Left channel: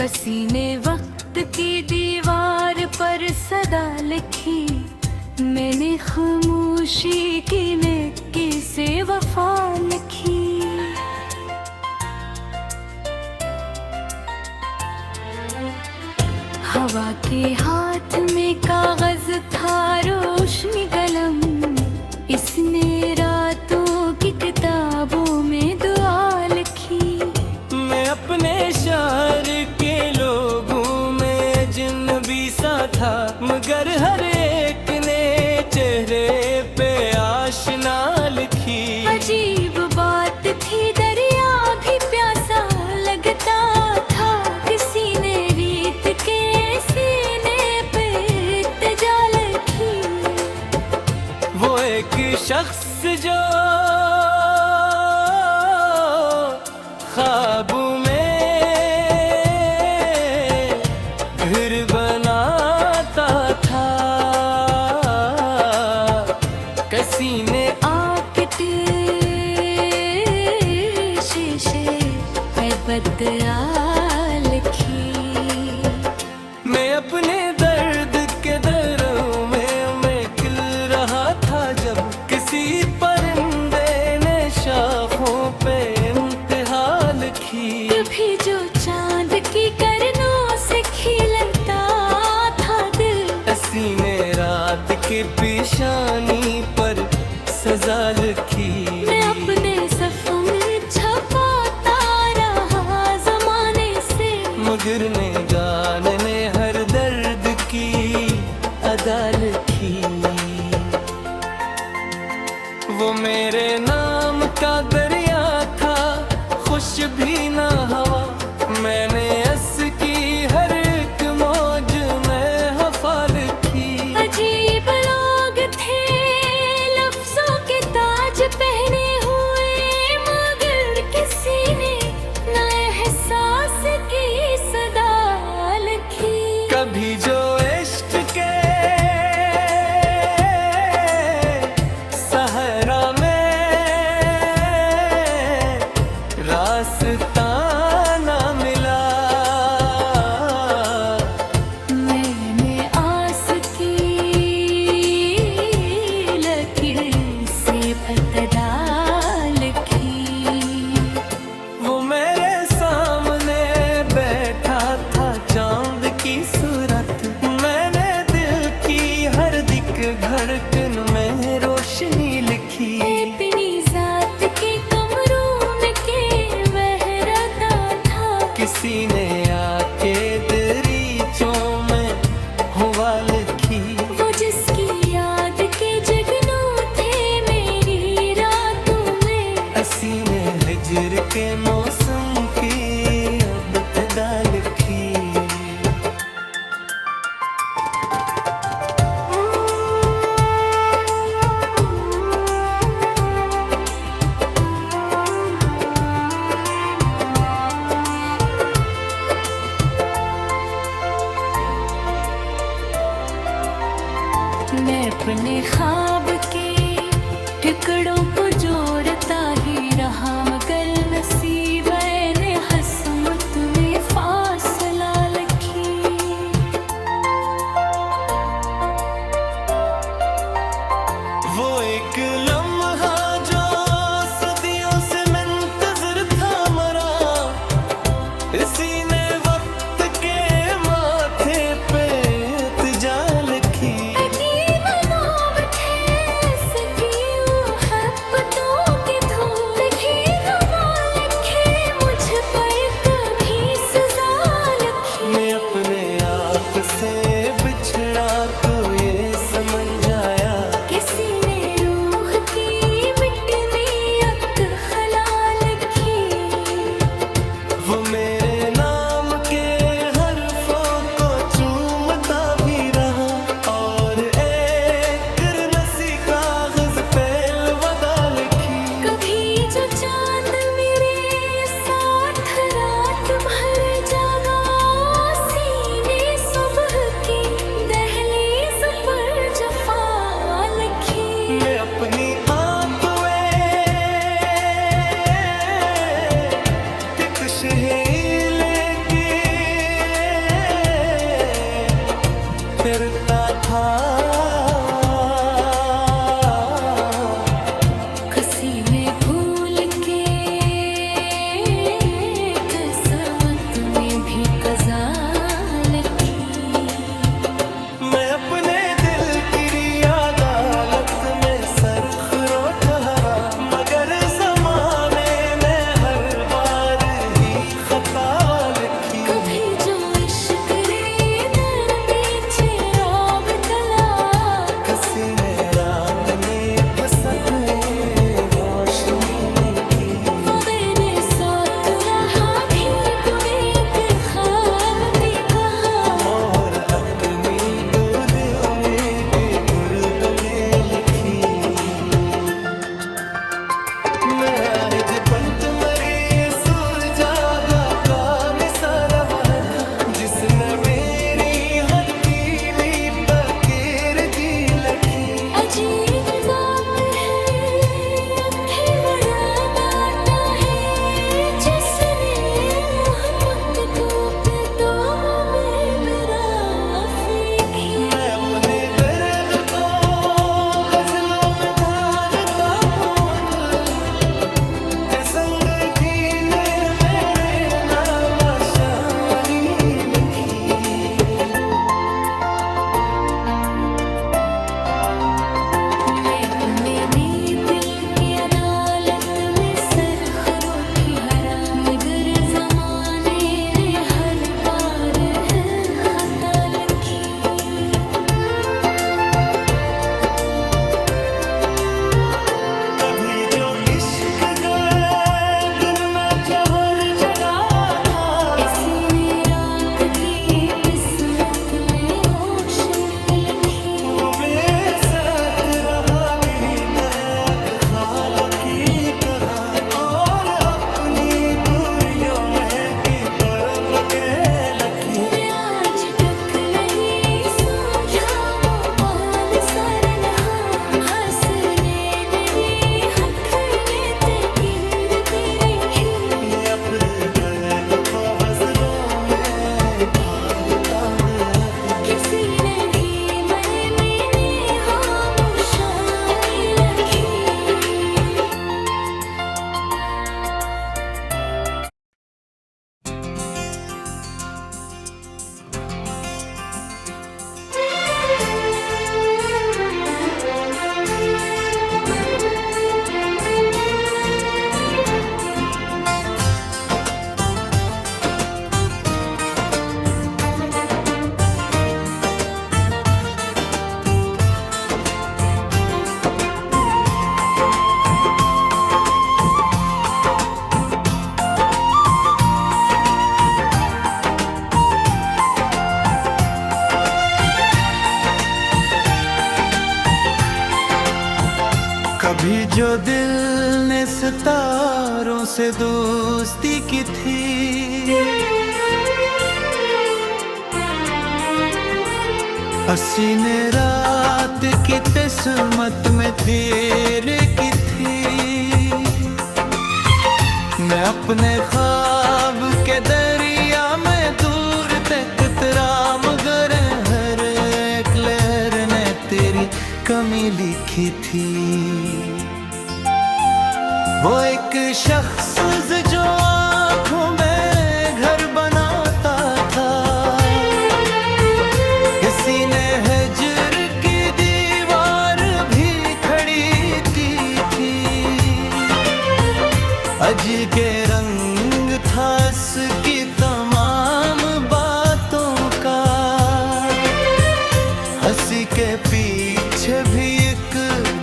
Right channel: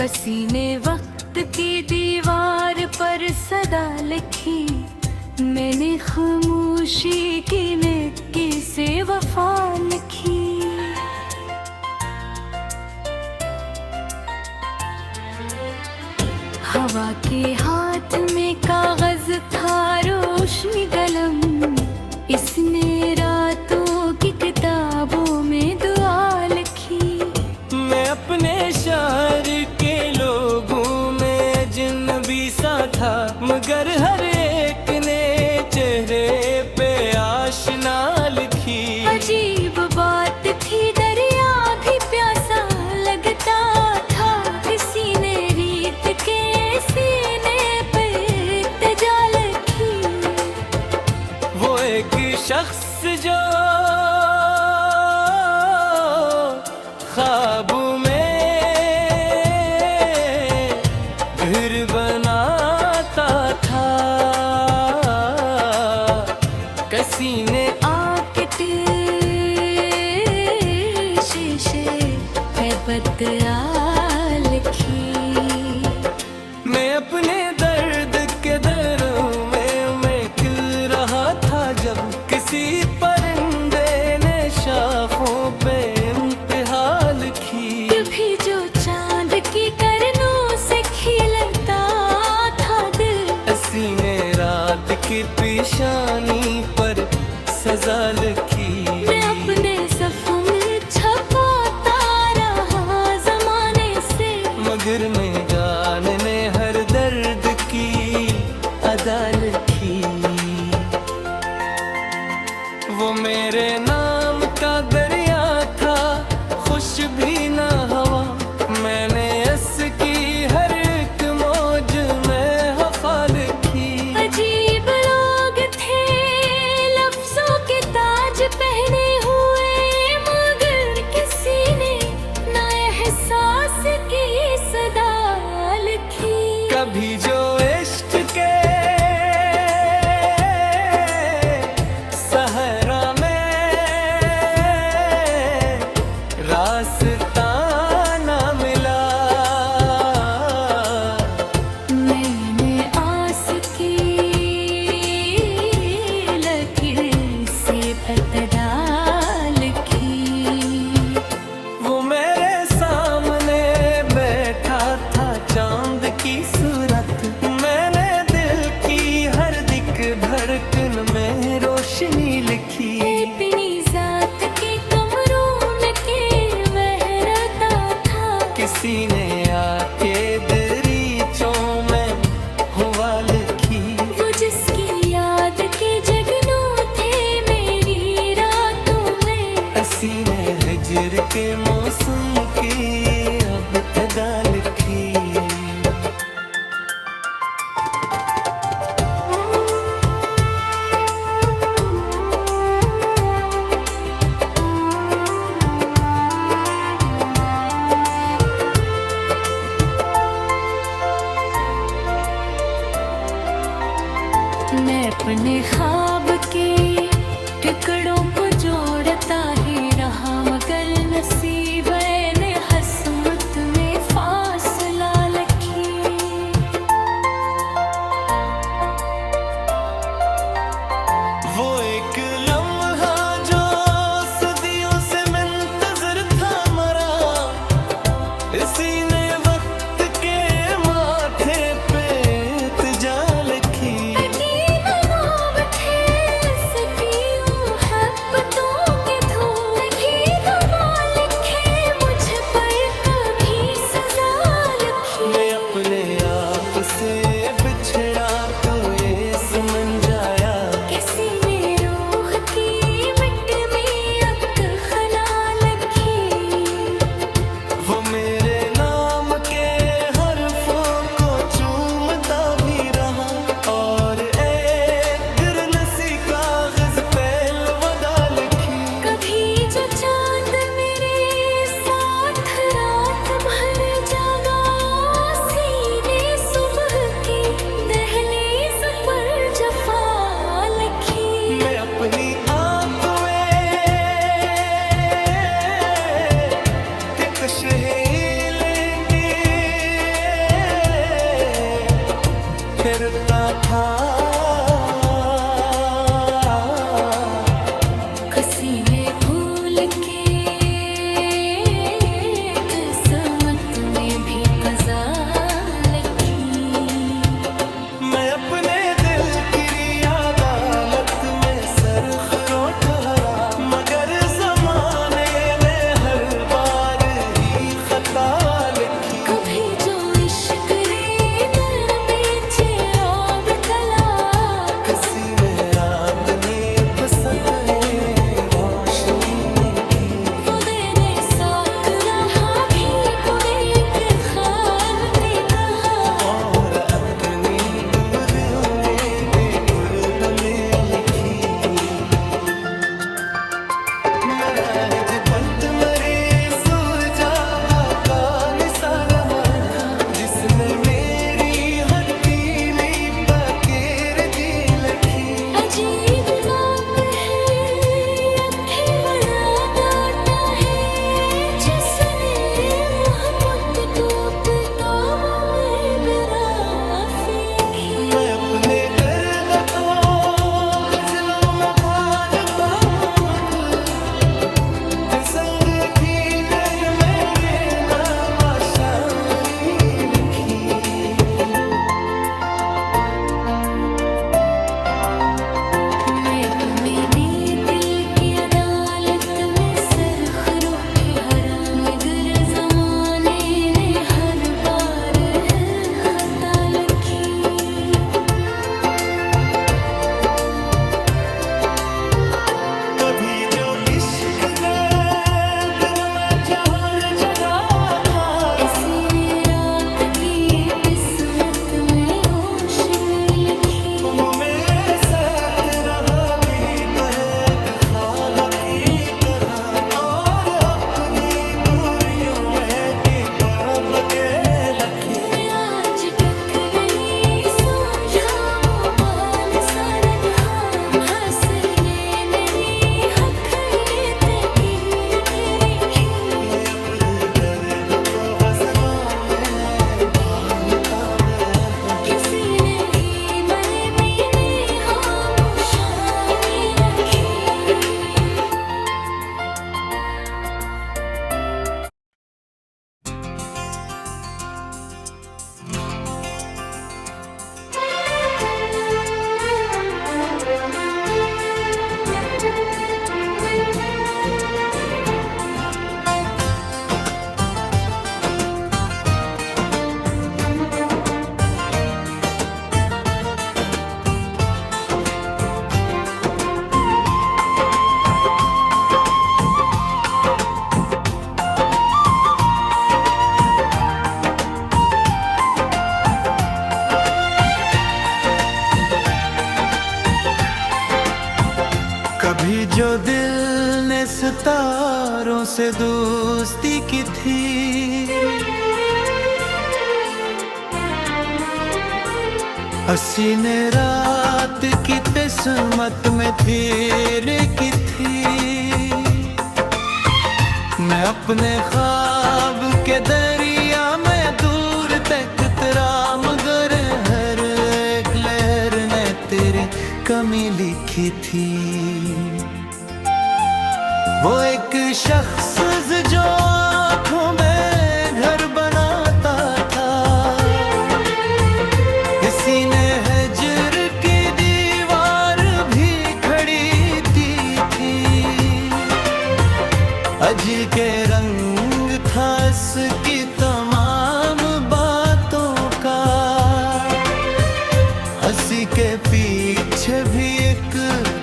किसी ने वक्त की दीवार पर सदा लिखी, मैंने खामोशी की नेकी से वफा लिखी। हवा के हाथ में कागज था रोशनी कलम, इसने रातों की किताबों में दुआ लिखी। मैं अपने शहर के लोगों में अजनबी सा था, मगर हर एक ने चेहरे पे आशना लिखी। अजीब बात थी, दरिया भी प्यासा लगता था, किसी ने रीत के सीने पे तजा लिखी। वो एक शख्स जो ख्वाबों में घर बनाता था, किसी ने आके शीशे पे बदला लिखी। मैं अपने दर्द के दरों में मैं खिल रहा था, जब किसी परिंदे ने शाखों पे इम्तिहा लिखी। कभी जो चांद की करनों से खिलता था दिल, किसी ने रात की पेशानी पर सजा लिखी। मैं अपने सफ़ों में छपाता रहा ज़माने से, मगर मैं जान ने हर दर्द की अदा लिखी। वो मेरे नाम का दरिया था, खुश भी ना हवा, मैंने की हर एक मौज में हवा लिखी। अजीब लोग थे, लफ्जों के ताज पहने हुए, मगर किसी ने ना एहसास की सदा लिखी। कभी जो इश्क के सहरा में रास्ता ना मिला, मैंने आस की लकीर से बदला लिखी। वो मेरे सामने बैठा था चांद की सूरत, मैंने दिल की हर दिक धड़कन में रोशनी लिखी। अपनी जात के कमरों में के बहरता था, किसी ने आके दरीचों में हुआ लिखी। वो जिसकी याद के जगनों थे मेरी रातों में, हसी ने हिजर के मौसम की अब तदा लिखी। मैं अपने ख्वाब के टुकड़ों को जोड़ता ही रहा, मगर नसीब ने हसमत में फासला लिखी। वो एक लम्हा जो सदियों से मुंतज़िर था मरा, इसी ने वक्त के माथे पे इल्तिजा लिखी। मैं अपने आप से बिछड़ा तो ये समझ आया, किसी ने रूह की मिट्टी में अक्ल खला लिखी। वो मेरे नाम के हरफों को चूमता भी रहा, और एक गिरनसी कागज पे अलविदा लिखी। कभी जो चांद मेरे साथ रात भर जागा, सीने सुबह की दहलीज पर जफा लिखी। मैं अपनी आंतुए कुछ ही लेके फिरता था। किसी ने भूल के किस्मत में भी कज़ा लिखी। मैं अपने दिल की अदालत में सरखरो ठहरा, मगर जमाने ने हर बार ही खता लिखी। कभी जो इश्क रे नर बेचे रौब तला, किसी ने रात ने फसत रोशनी की। वगैरे साथ रहा भी बुरे खाल के कहा, और अपनी तो दिल में बेखुद में लिखी। मैं आज बंद मरे सुलझागा का मिसाला था, जिसने मेरी हथेली पकेर दी लखी। अजीब बात है अखे बड़ा डाटा है, जिसने मोहब्बत को तो वो में बिरा फेंकी। मैं अपने दर्द को गजलों में ढालता हूँ, के संग जीने मेरे नाम शानी लिखी। मैं मेरी दिल की अदालत में सरखरो ठहरा, मगर जमाने ने हर बार खता लिखी। कभी जो इश्क गए दिन में जहर जगा था, इसी ने राख की किस्मत में रोशनी लिखी। तुम में साथ रहा भी तहक खाल की तरह, और अपनी दूरियों में की परब के लखी। मैं आज तक नहीं सोझाऊं पाल सरन हाँ, हंसने मेरी हक ने तकीर तेरी ही। मैं अपने दर्द को गज़लों में ढालता हूँ। किसी ने ही मैंने खामोशानी रखी। कभी जो दिल ने सितारों से दोस्ती की थी, हसीने रात की किस्मत में तेरे की थी। मैं अपने ख्वाब के दरिया में दूर तक तेरा, मगर हर एक लहर ने तेरी कमी लिखी थी। वो एक शख्स जो आँखों में घर बनाता था, किसी ने हजर की दीवार भी खड़ी की थी। अज के रंग था इसकी तमाम बातों का, हंसी के पीछे भी एक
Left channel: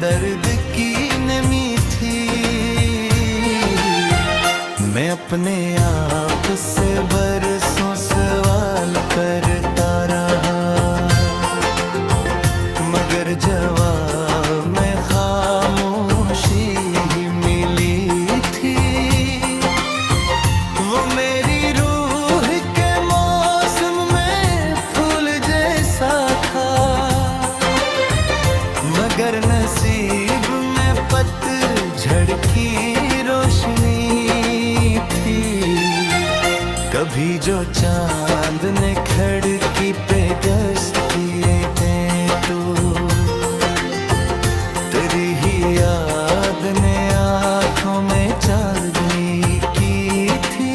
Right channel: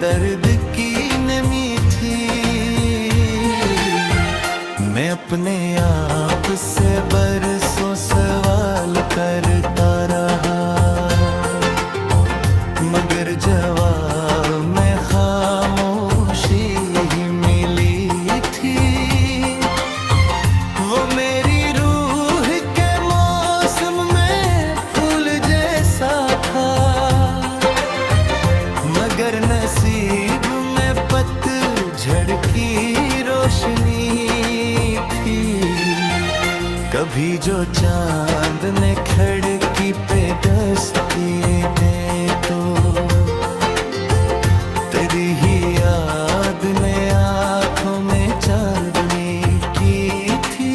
दर्द की नमी थी। मैं अपने आप से बरसों सवाल करता रहा, मगर जवाब में खामोशी ही मिली थी। वो मेरी रूह के मौसम में फूल जैसा था, मगर नसीब में पतझड़ की रोशनी थी। कभी जो चांद ने खिड़की पे डस्ट किए थे तो तेरी ही याद ने आंखों में चांदनी की थी।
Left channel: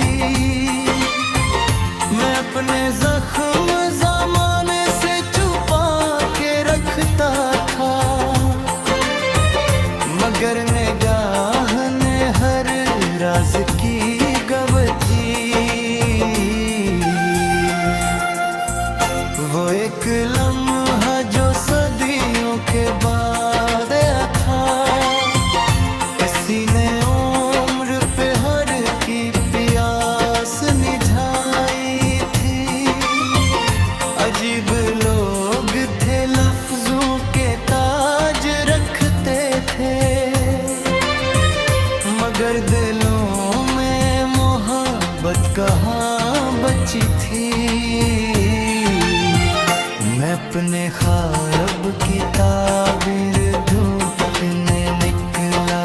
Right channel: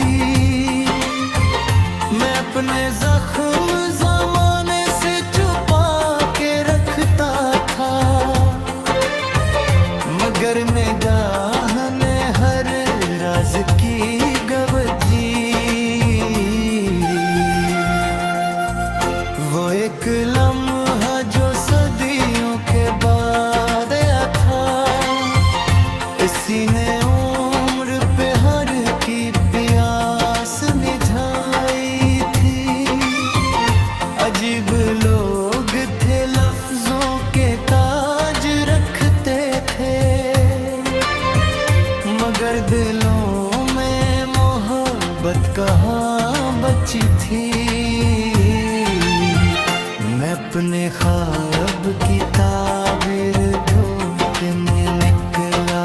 मैं अपने जख्म ज़माने से छुपा के रखता था, मगर निगाह ने हर राज की गवजी। वो एक लम्हा जो सदियों के बाद आया था, किसी ने उम्र पे हर की प्यास निझाई थी। अजीब लोग थे, लफ्जों के ताज रखते थे, मगर दिलों में मोहब्बत कहाँ बची थी। मैं अपने ख्वाब की ताबीर ढूंढने निकला,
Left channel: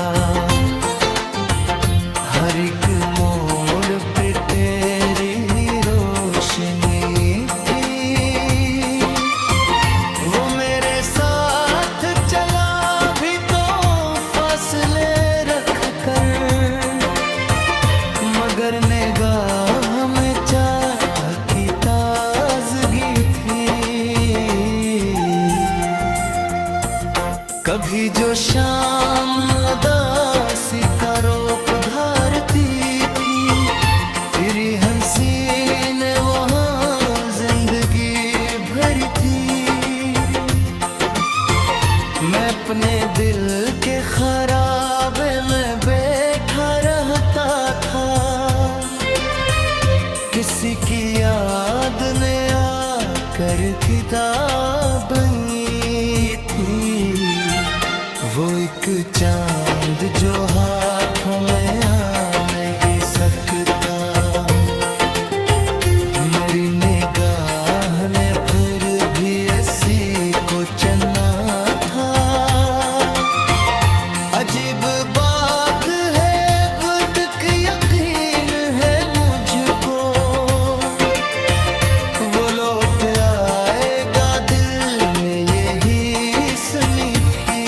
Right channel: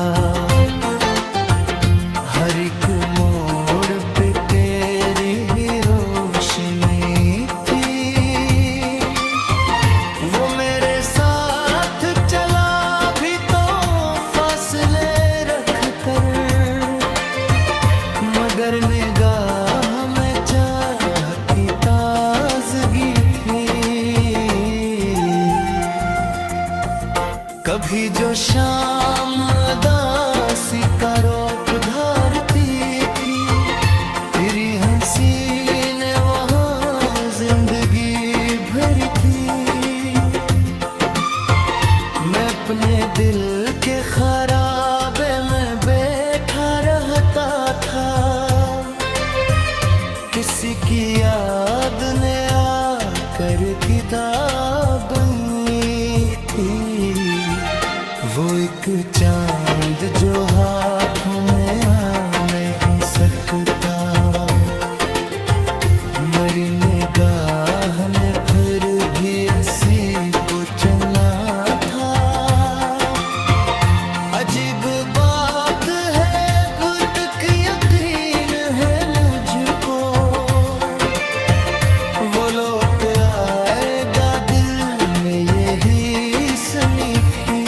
हर एक मोड़ पे तेरी ही रोशनी थी। वो मेरे साथ चला भी तो फासले रख कर, मगर निगाह में चाह की ताजगी थी। कभी जो शाम अदासी का रूप धारती थी, तेरी हंसी ने वहाँ जिंदगी भरी थी। मैं अपने दिल के खराबे में बैठा रहता था, किसी की याद ने आकर किताब बनी थी। वो एक चांद जो हाथों में आ नहीं सकता, मेरी निगाह ने फिर भी ऐसी को चना था। अजीब बात है, गुर्त यकीन है मुझको, वो लौट आएगा दिल में यही सनी थी।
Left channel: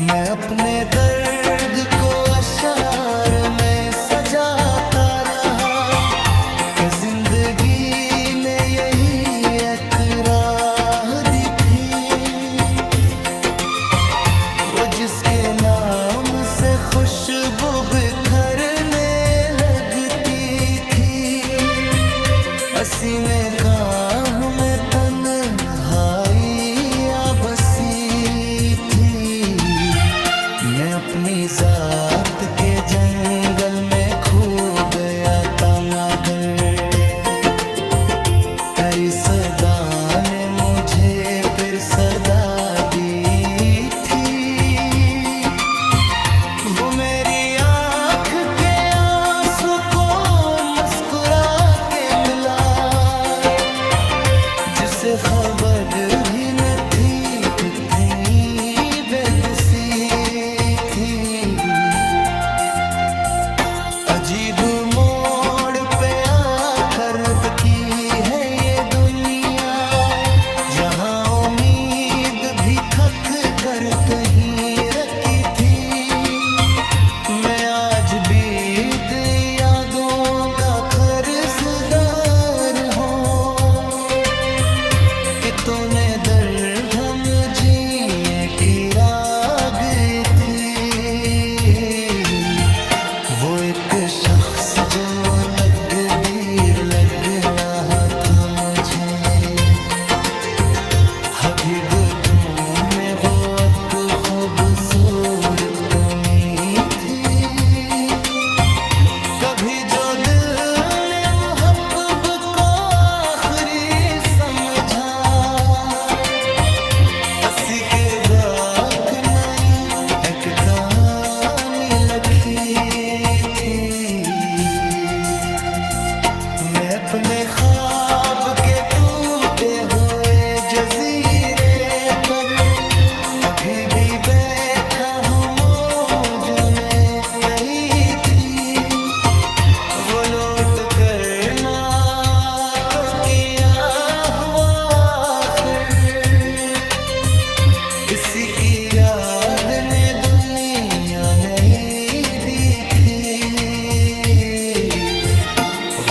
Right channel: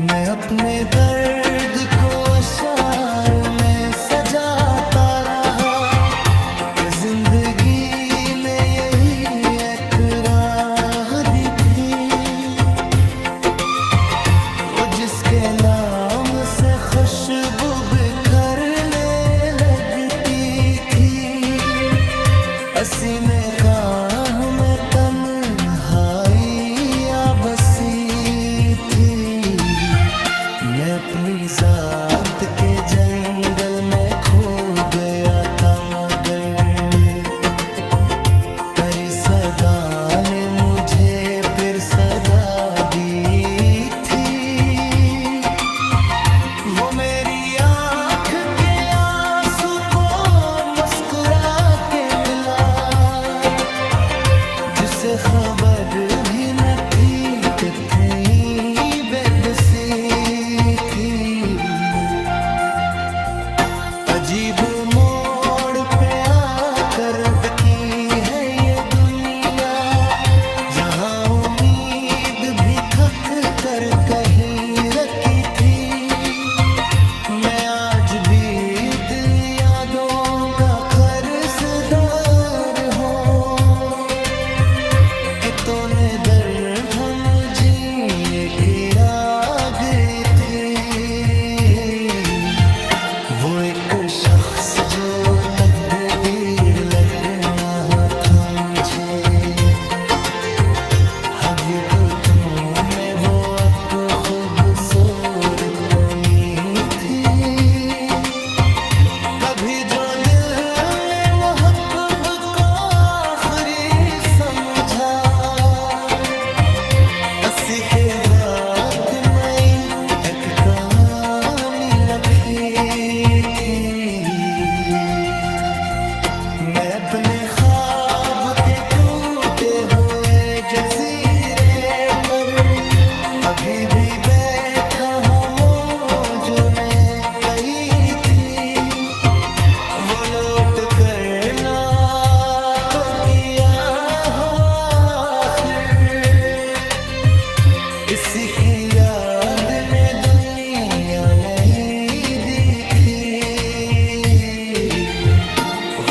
मैं अपने दर्द को अशार में सजाता रहा, कि जिंदगी ने यही एक राह दी थी। वो जिसके नाम से खुशबू बिखरने लगती थी, असीने काह में तन्हाई आ बसी थी। मैं अपनी जात के जंगल में खो गया था, मगर तेरी सदा ने मुझे फिर सदा दी थी। वो मेरी आँख के आंसू को मुस्कुरा के मिला, जिसे खबर भी न थी कितनी बेबसी थी। अजीब मोड़ पे आकर की है ये दुनिया, जहाँ उम्मीद भी थक कर कहीं रखी थी। मैं आज भी यादों का कर्जदार हूँ, कि तूने दर्द हम जिए की राग थी। वो एक शख्स जो तकदीर लगना था मुझे, हकीकतों में वो एक खूबसूरत कमी थी। कभी जो दिल ने मोहब्बत को आखिरी समझा, असी के बाक नहीं एक कहानी लिखी थी। मैं अपने ख्वाब के टूटे हुए जजीरे पर अभी भी बैठा हूँ, मौजों ने कही थी।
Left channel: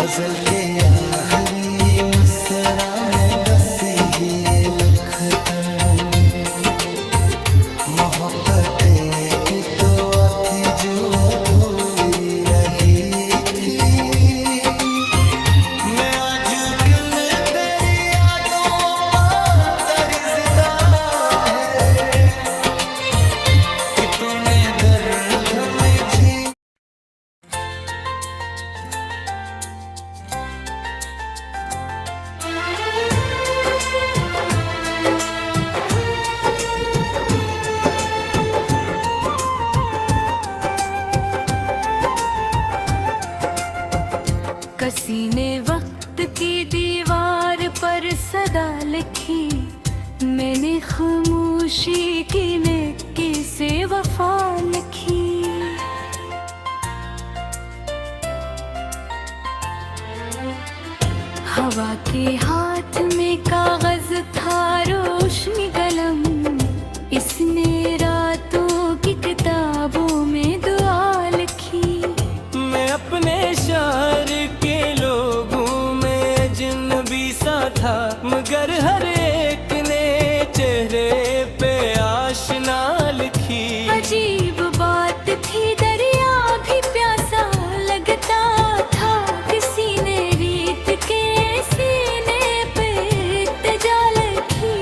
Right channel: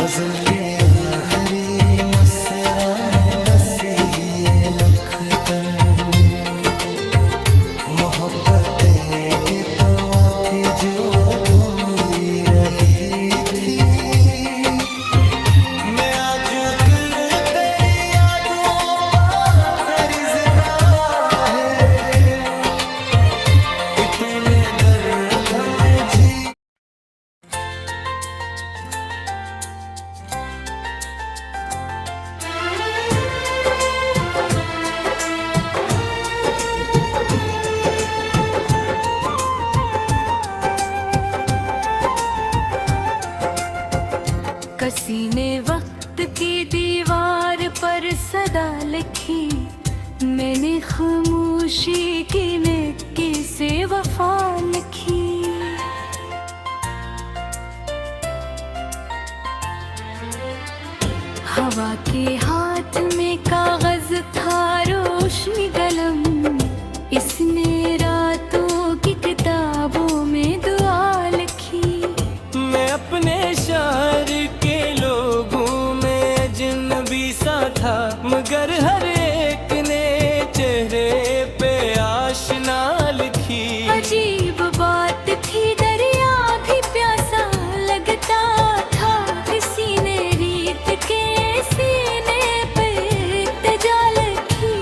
गजल के आखिरी मिसरा में बसी ये लखतन मोहब्बत की तो आती जो अधूरी रही थी। मैं आज किल तेरी यादों पर तरिज़दा है कि तूने दर्द में जी किसी ने वक्त की दीवार पर सदा लिखी, मैंने खामोशी की नेकी से वफा लिखी। हवा के हाथ में कागज था रोशनी कलम, इसने रातों की किताबों में दुआ लिखी। मैं अपने शहर के लोगों में अजनबी सा था, मगर हर एक ने चेहरे पे आशना लिखी। अजीब बात थी, दरिया भी प्यासा लगता था, किसी ने रीत के सीने पे इल्तिजा लिखी।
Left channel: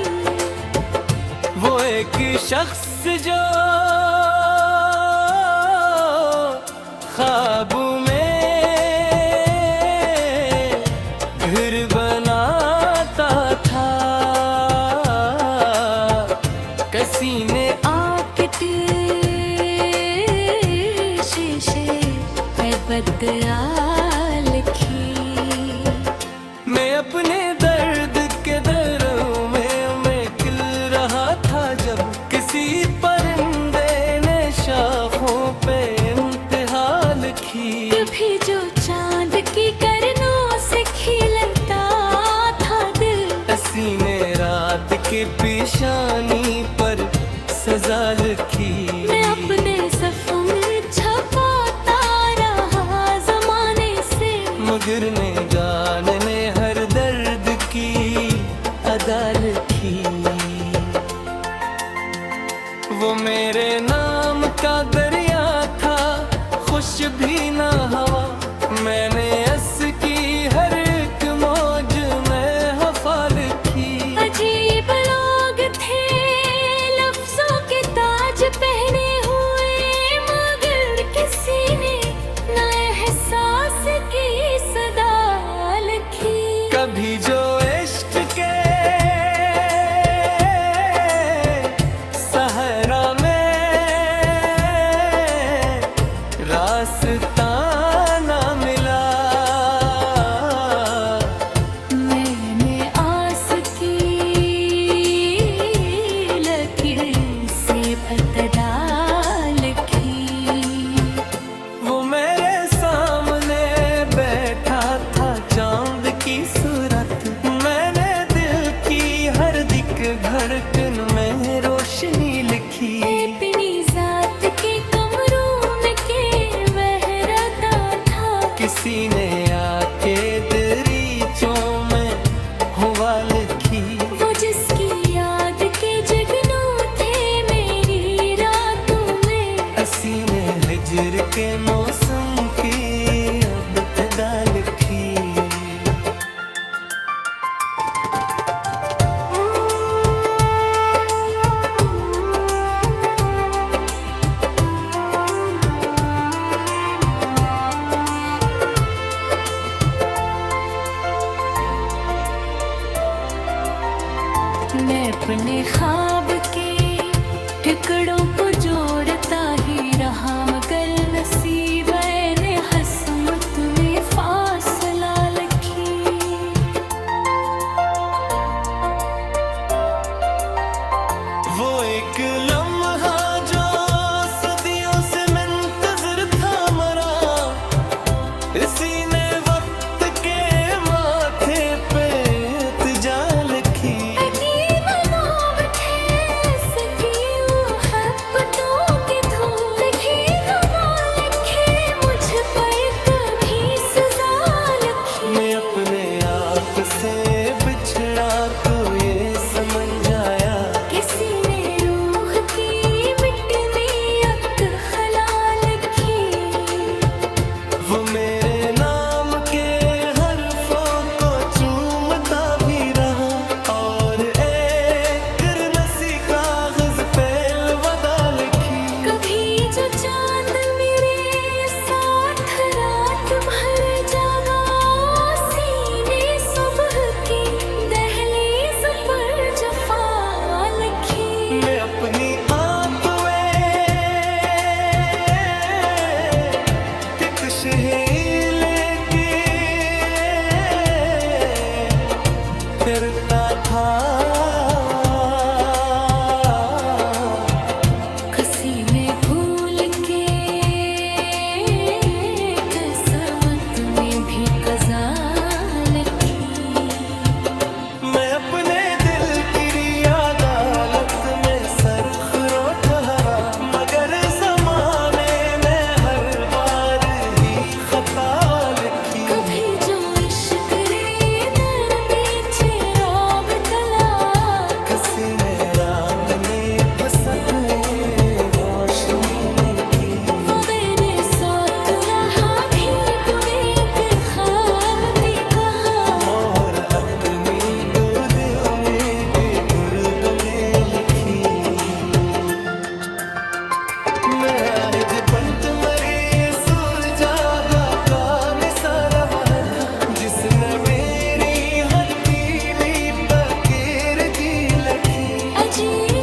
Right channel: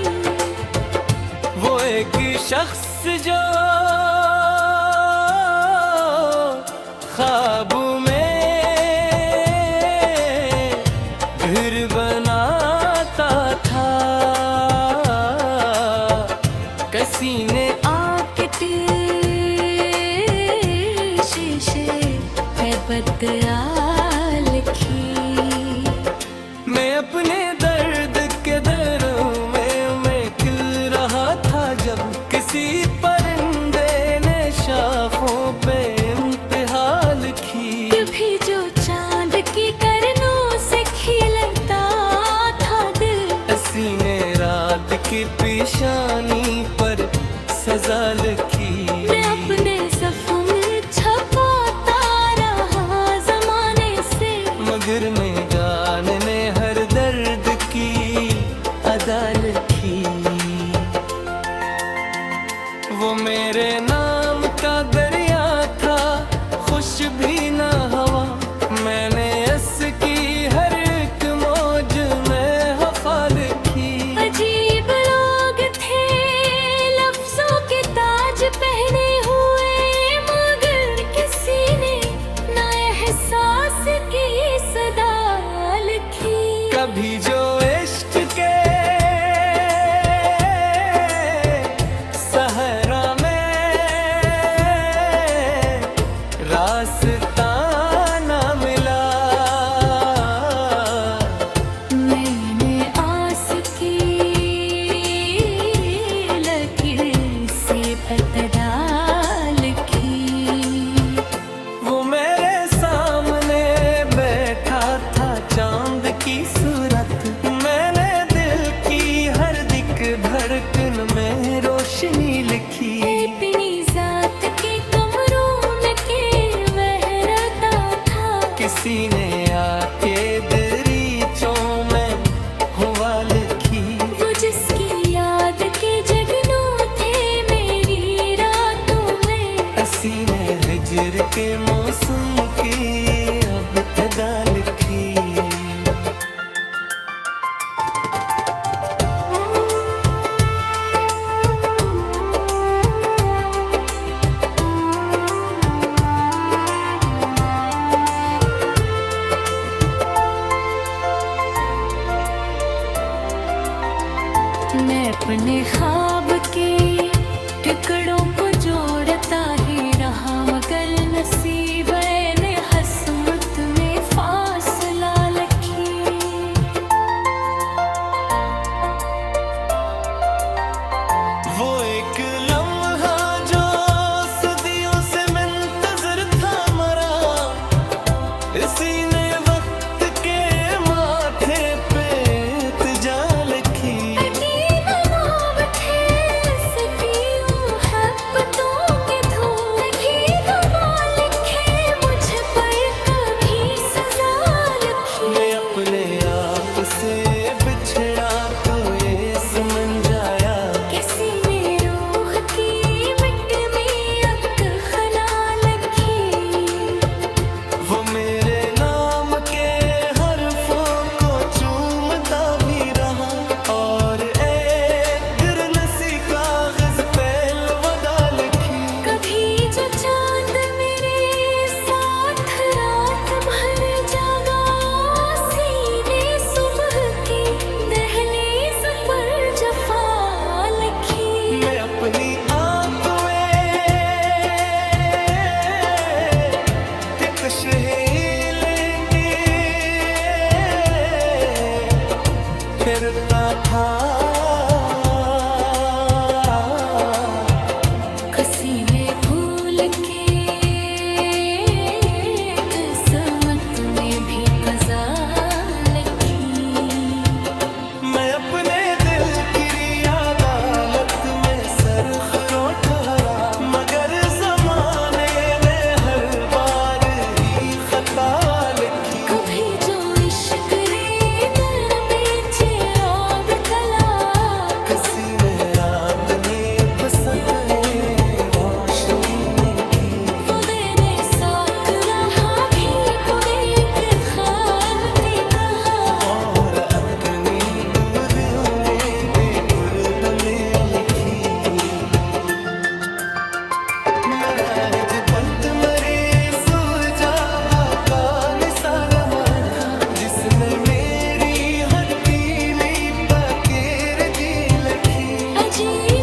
वो एक शख्स जो ख्वाबों में घर बनाता था, किसी ने आके शीशे पे बदला लिखी। मैं अपने दर्द के दरों में मैं खिल रहा था, जब किसी परिंदे ने शाखों पे इम्तिहा लिखी। कभी जो चांद की करनों से खिलता था दिल, किसी ने रात की पेशानी पर सजा लिखी। मैं अपने सफ़ों में छपाता रहा ज़माने से, मगर मैं जानने हर दर्द की अदा लिखी। वो मेरे नाम का दरिया था, खुश भी ना हवा, मैंने इसकी हर एक मौज में हवा लिखी। अजीब लोग थे लफ्जों के ताज पहने हुए, मगर किसी ने ना एहसास की सदा लिखी। कभी जो इश्क के सहरा में रास्ता ना मिला, मैंने आस की लकीर से इब्तिदा लिखी। वो मेरे सामने बैठा था चांद की सूरत, मैंने दिल की हर दिक धड़कन में रोशनी लिखी। अपनी जात के कमरों में के बहरता था, किसी ने आके दरीचों में हुआ लिखी। वो जिसकी याद के जगनू थे मेरी रातों में, हसी ने हिजर के मौसम की अब तदा लिखी। मैं अपने ख्वाब के टुकड़ों को जोड़ता ही रहा, मगर नसीब ने हसमत में फासला लिखी। वो एक लम्हा जो सदियों से मुंतज़िर था मरा, इसी ने वक्त के माथे पे इल्तिजा लिखी। बिछड़ा तू ये समझ आया किसी ने रूह की मिट में अक खला लखी वो मेरे नाम के हरफों को चूमता भी रहा और एक गिरनसी कागज पे अलविदा लिखी कभी जो चांद मेरे साथ रात भर जागा सीने सुबह की दहलीज पर जफा लखी मैं अपनी आंतुए कि कुछ है लेके फिरता था किसी ने भूल के किस्मत में भी कज़ा लिखी मैं अपने दिल की अदालत में सरखरो ठहरा मगर जमाने ने हर बार ही खता लिखी कभी जो इश्क रे नर बेचे रौब कला किसी ने रात ने फसत रोशनी की वो मेरे साथ रहा भी बुरे के ख्याल के कहा और अपनी तो दिल में बेखुद में लिखी मैं आज बंद मरे सुलझागा का मिसारा था जिसने मेरी हथेली पकेर दी लखी अजीब